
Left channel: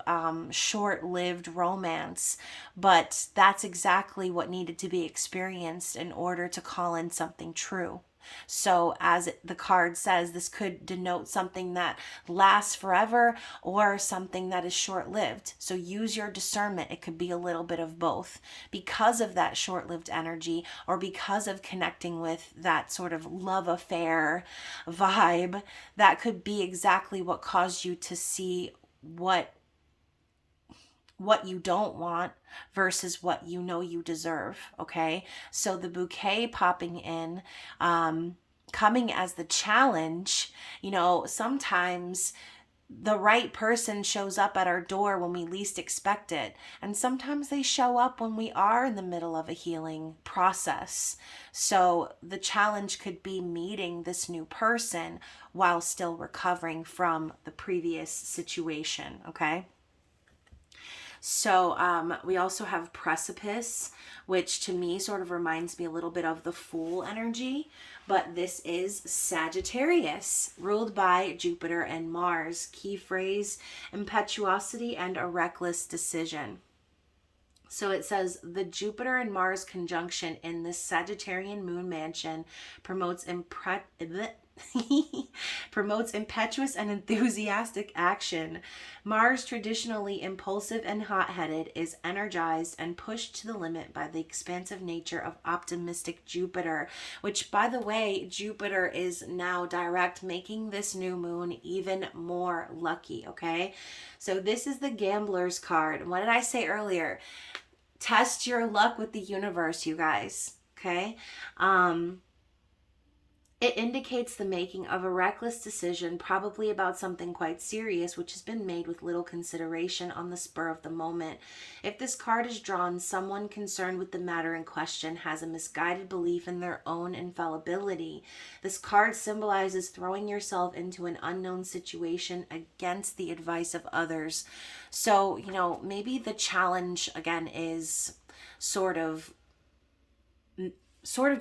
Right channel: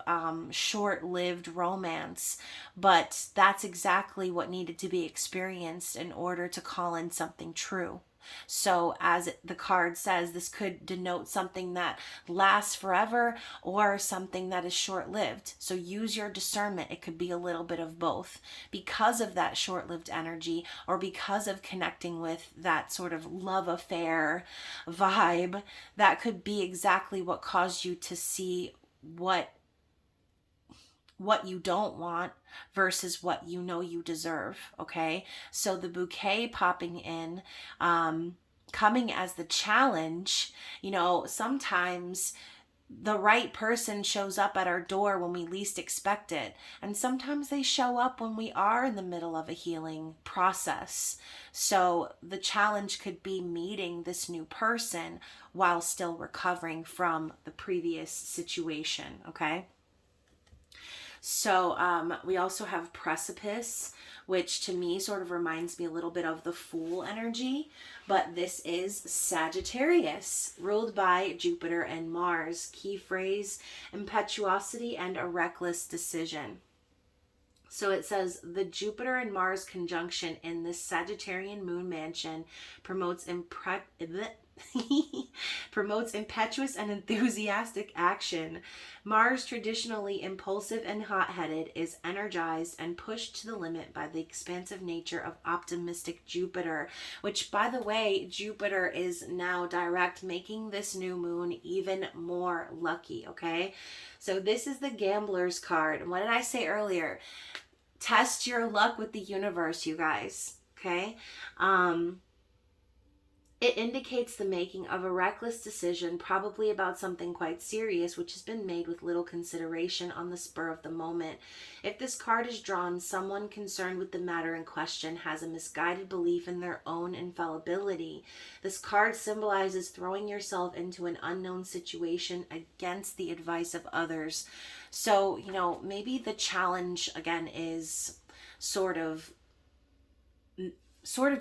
short-lived romance. But that's exactly what needed to be experienced in order to call in something true. So as the card says, this could denote something that lasts forever or something that is short-lived. So use your discernment. It could be a little bit of both because of that short-lived energy, or because of connecting with that sort of love affair vibe. That could be exactly what caused you to see what you don't want versus what you know you deserve. Okay, so the bouquet popping in, coming as the challenge. Sometimes the right person shows up at our door when we least expect it, and sometimes they show up when we are in the middle of a healing process. So the challenge could be meeting this new person while still recovering from the previous situation. Okay, so we also have precipice, which to me sort of reminds me a little bit of the Fool energy, but this is Sagittarius, ruled by Jupiter and Mars. Key phrase: impetuosity and a reckless decision. So it says the Jupiter and Mars conjunction in this Sagittarian moon mansion promotes promotes impetuous and enthusiastic action. Mars, traditionally impulsive and hot-headed, is energized and pushed to the limit by the expansive nature of optimistic Jupiter, which, by the way, Jupiter is now direct, making this new moon even more lucky, okay? So this is the Gambler's card. And what did I say earlier? Test your luck with the universe, you guys, okay? It indicates the making of a reckless decision, probably about something quite serious, which has been made with little consideration on the spur of the moment. If this card is drawn, someone concerned with the matter in question has a misguided belief in their own infallibility. This card symbolizes throwing yourself into an unknown situation against the advice of others. So, maybe the challenge, again, is sort of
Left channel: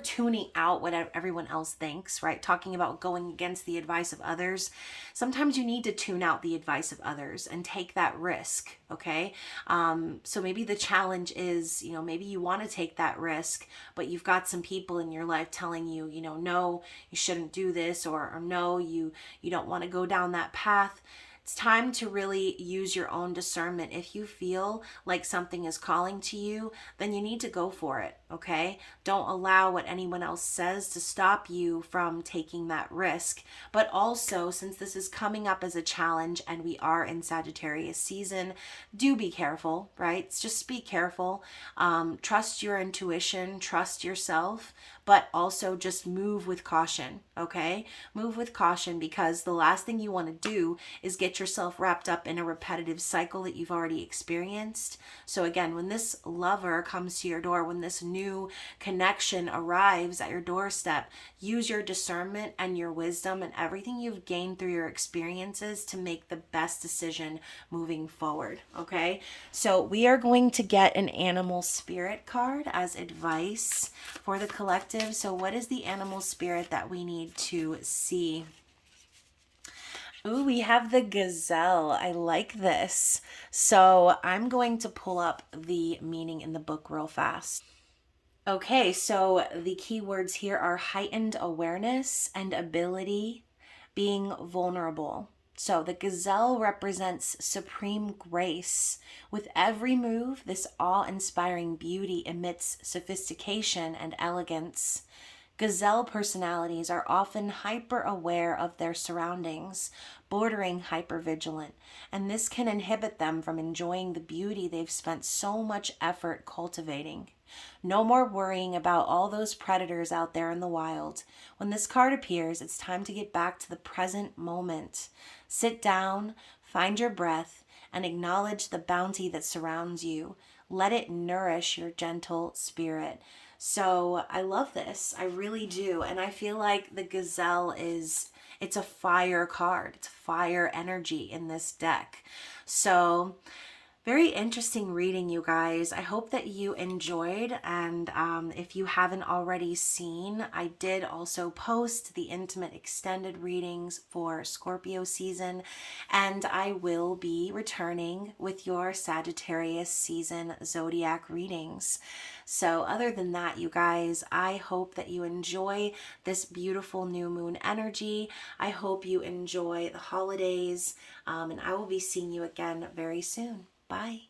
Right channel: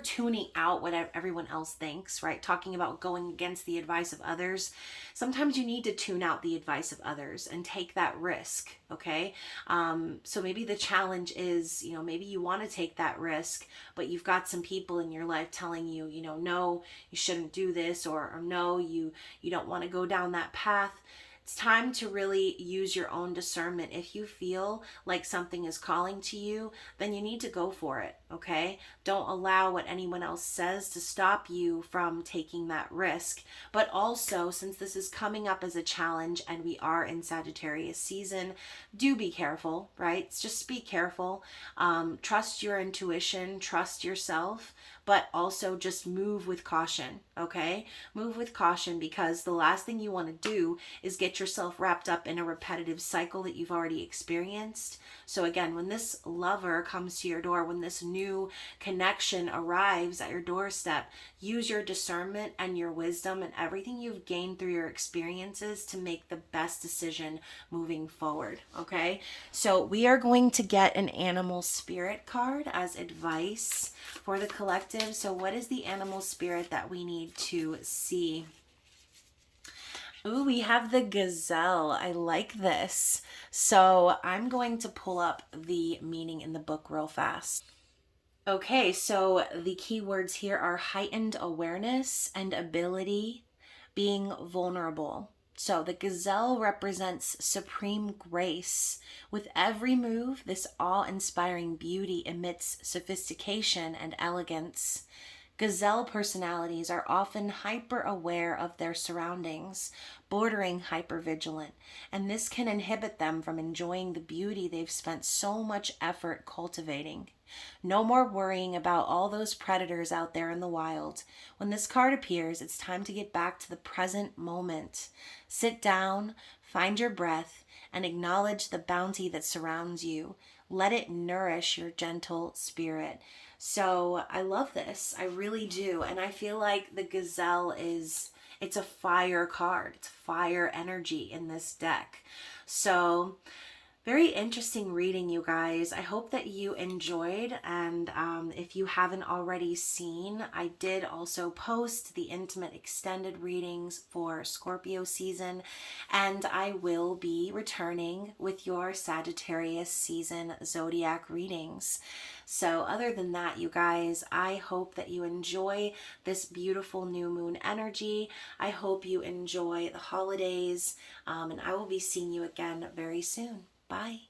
tuning out what everyone else thinks, right? Talking about going against the advice of others. Sometimes you need to tune out the advice of others and take that risk, okay? So maybe the challenge is, maybe you want to take that risk, but you've got some people in your life telling you, no, you shouldn't do this, or no, you don't want to go down that path. It's time to really use your own discernment. If you feel like something is calling to you, then you need to go for it, okay? Don't allow what anyone else says to stop you from taking that risk. But also, since this is coming up as a challenge and we are in Sagittarius season, do be careful, right? Just be careful. Trust your intuition, trust yourself, but also just move with caution, okay? Move with caution, because the last thing you want to do is get yourself wrapped up in a repetitive cycle that you've already experienced. So again, when this lover comes to your door, when this new connection arrives at your doorstep, use your discernment and your wisdom and everything you've gained through your experiences to make the best decision moving forward, okay? So we are going to get an animal spirit card as advice for the collective. So what is the animal spirit that we need to see? Ooh, we have the gazelle. I like this. So I'm going to pull up the meaning in the book real fast. Okay, so the keywords here are heightened awareness and ability, being vulnerable. So the gazelle represents supreme grace. With every move, this awe-inspiring beauty emits sophistication and elegance. Gazelle personalities are often hyper-aware of their surroundings, bordering hyper-vigilant, and this can inhibit them from enjoying the beauty they've spent so much effort cultivating. No more worrying about all those predators out there in the wild. When this card appears, it's time to get back to the present moment. Sit down, find your breath, and acknowledge the bounty that surrounds you. Let it nourish your gentle spirit. So I love this. I really do. And I feel like the gazelle it's a fire card. It's fire energy in this deck. So Very interesting reading, you guys. I hope that you enjoyed, and if you haven't already seen, I did also post the intimate extended readings for Scorpio season, and I will be returning with your Sagittarius season zodiac readings. So other than that, you guys, I hope that you enjoy this beautiful new moon energy. I hope you enjoy the holidays, and I will be seeing you again very soon. Bye.